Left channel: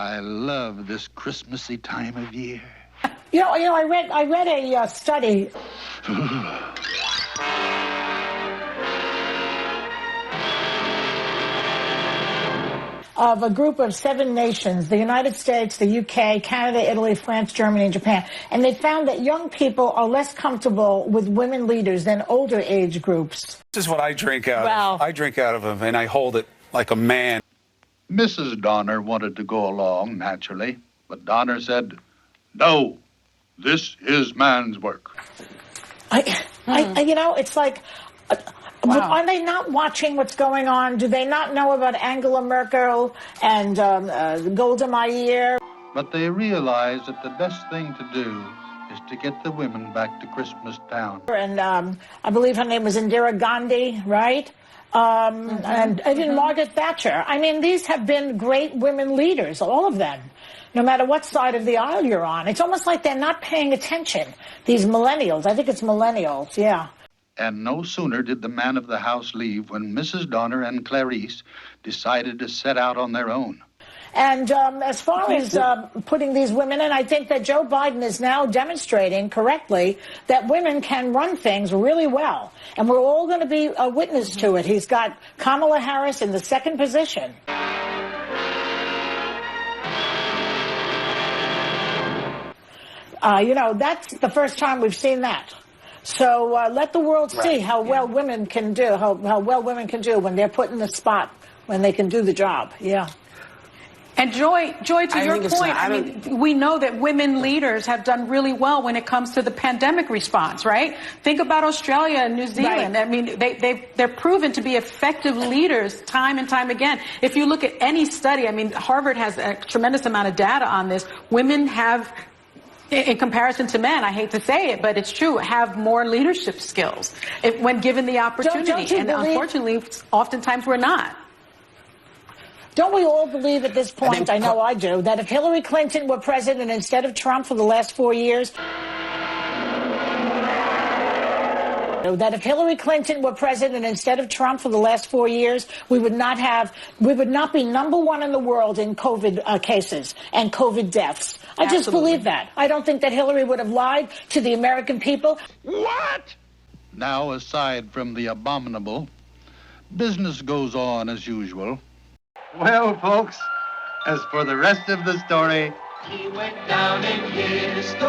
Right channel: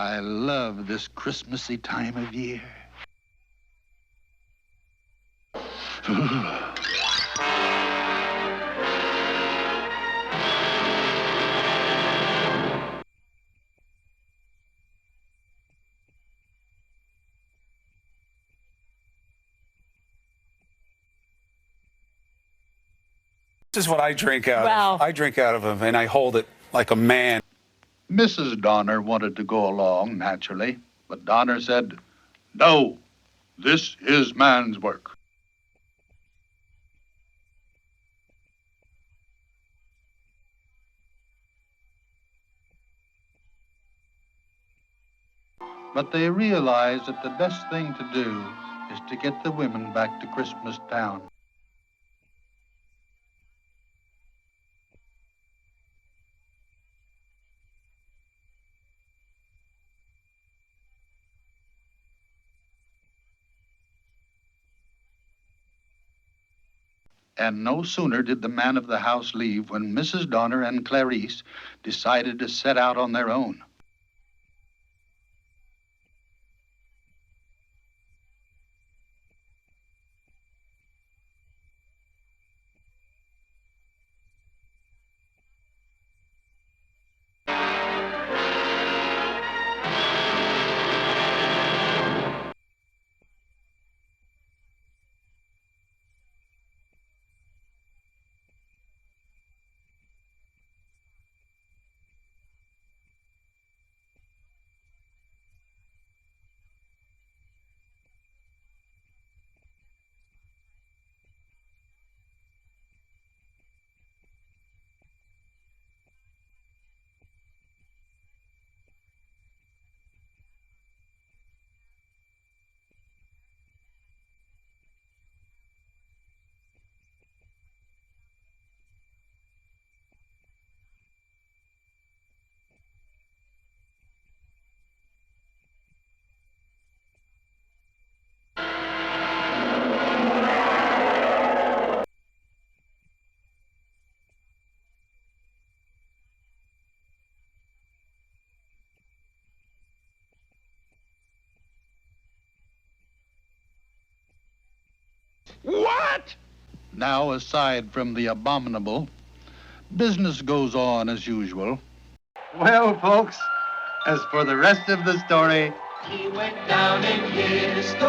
I love this Christmassy time of year. I read a study. Of a group of 7 nations, the United States, the UK, Canada, Italy, France, Germany, and Japan. And they found that young people are less comfortable with women leaders than older age groups. This is what I drink out of. I drink out of them, and I hold it like a man. Mrs. Donner wanted to go along, naturally, but Donner said, "No, this is man's work." It's like... Wow. Are they not watching what's going on? Do they not know about Angela Merkel and Golda Meir? But they realize that the best thing to do is to get the women back to Christmas Town. And I believe her name was Indira Gandhi, right? And even Margaret Thatcher. I mean, these have been great women leaders, all of them, no matter what side of the aisle you're on. It's almost like they're not paying attention, these millennials. I think it's millennials, yeah. And no sooner did the man of the house leave when Mrs. Donner and Clarice decided to set out on their own. And as far as putting these women in, I think that Joe Biden is now demonstrating correctly that women can run things really well. And we're all going to be a witness to it. He's got Kamala Harris in the 2nd position. That's the first time we've seen that. So let the world see how well women can do, how well women can do when they're put in the spot, when they can do the job. Yeah. And Joy, to your point, we know that women leaders have done really well when it comes to the pandemic response, right? Think about Australia and New Zealand. Right. I mean, they're proven to be effective leaders time and time again. If you look at any study, I mean, Harvard has a tremendous amount of data on this. Women have, in comparison to men, I hate to say it, but it's true, have more leadership skills when given the opportunity. And unfortunately, oftentimes we're not. Don't we all believe at this point, I know I do, that if Hillary Clinton were president instead of Trump for the last 4 years, we would not be number 1 in the world in COVID cases and COVID deaths. I just believe that. I don't think that Hillary would have lied to the American people. What? Now, aside from the abominable, business goes on as usual. Well, folks, as for the rest of the story, he went down in history.